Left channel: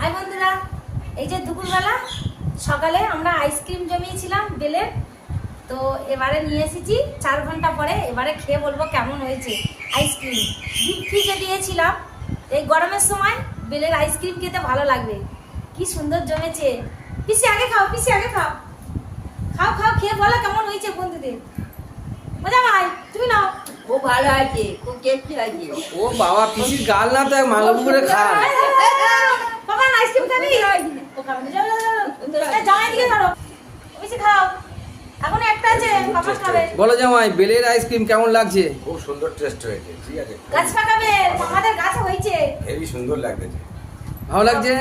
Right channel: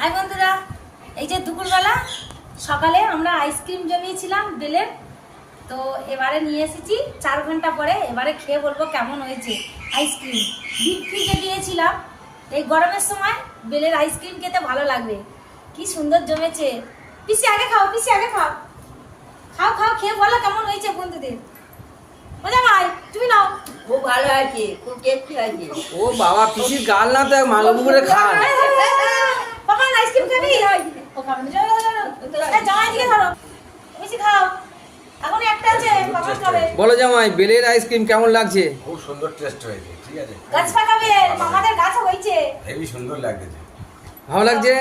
High বন্ধুরা, এই যে দুপুরবেলা সকালে আমরা আইসক্রিম জমিয়েছিলাম বেলের, তো এবারে নিয়ে এসেছি 4 ঘন্টা পরে। এবারে খেয়ে বলবো কেমন হয়েছে আইসক্রিম। ডিপ ফ্রিজে দিয়েছিলাম, এই গরমের সময় বেলের আইসক্রিম খেতে ভালো লাগবে। কি সুন্দর জমেছে। পিসি আগে খাও, পিসি আগে খাও, খাও খাও, খেয়ে বলো কেমন হয়েছে বন্ধুদের। মজা ভাই তুমি নাও। খুব ভালো আছে, খুব টেস্টি হয়েছে। ও বাবা, পিসির গাল না তো মাংস পুকুরে খান। পাকান আইসক্রিম খাবি? ও খাবে না, চলো চলো চলো। জামাই দিকে ধরো, বেশি খাও। এখন একটা আছে, পাকান খাবে। বলো জামাই, বেলের আইসক্রিম কেমন লাগছে? খুব সুন্দর টেস্ট হয়েছে, ঠিক আছে। গাছ পাকাবে, আমাদের গাছ হয়েছে। হেভি সুন্দর লাগছে, ভালো লাগছে?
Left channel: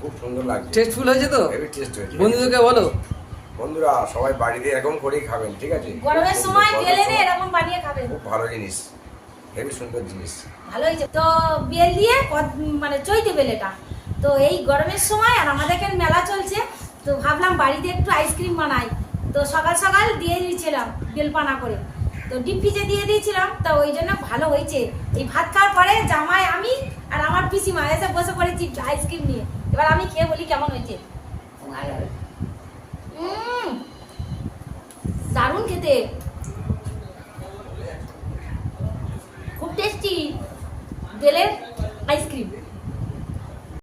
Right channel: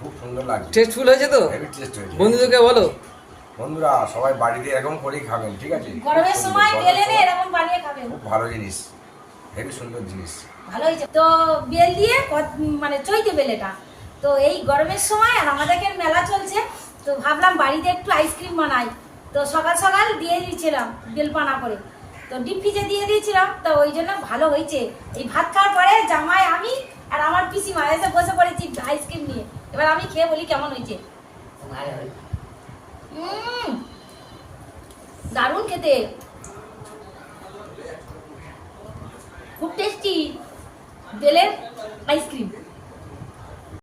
খুব সুন্দর লাগছে, টেস্টফুল হয়েছে তো? হেভি টেস্ট হয়েছে। বন্ধুদেরকে বলো। বন্ধুরা সবাই বাড়িতে এরকম করেই খাবেন, ঠিক আছে। গরমের খুব সময় সুন্দর, বেলে নিয়ে গরমের এরকম বানিয়ে খাবেন, সময় খুব ভালো জিনিস, হেভি সুন্দর জিনিস। ভালো হয়েছে। তো বেল দিয়ে মানে চৈতে বেলেটা, তো এই গরমের সময় আর আমাদের এখানে মেলা চলছে, তো ভাবলাম বাড়িতে একটু আইসক্রিম বানাই। তো সকাল সকাল দিয়ে দিয়েছিলাম বেলপানা করে, তো ডিপ ফ্রিজে দিয়ে দিয়েছিলাম, তো ওই জন্য ভালো হয়েছে। এই ভাত খাওয়ার পরে জামাই, আমি আর আমার পিসিমা এসে বসে পড়েছি আইসক্রিম নিয়ে। এবার আমি খেয়ে বলি কেমন হয়েছে। খুব ভালো হয়েছে। দারুণ খেতে, খুব টেস্টি বেলের আইসক্রিম।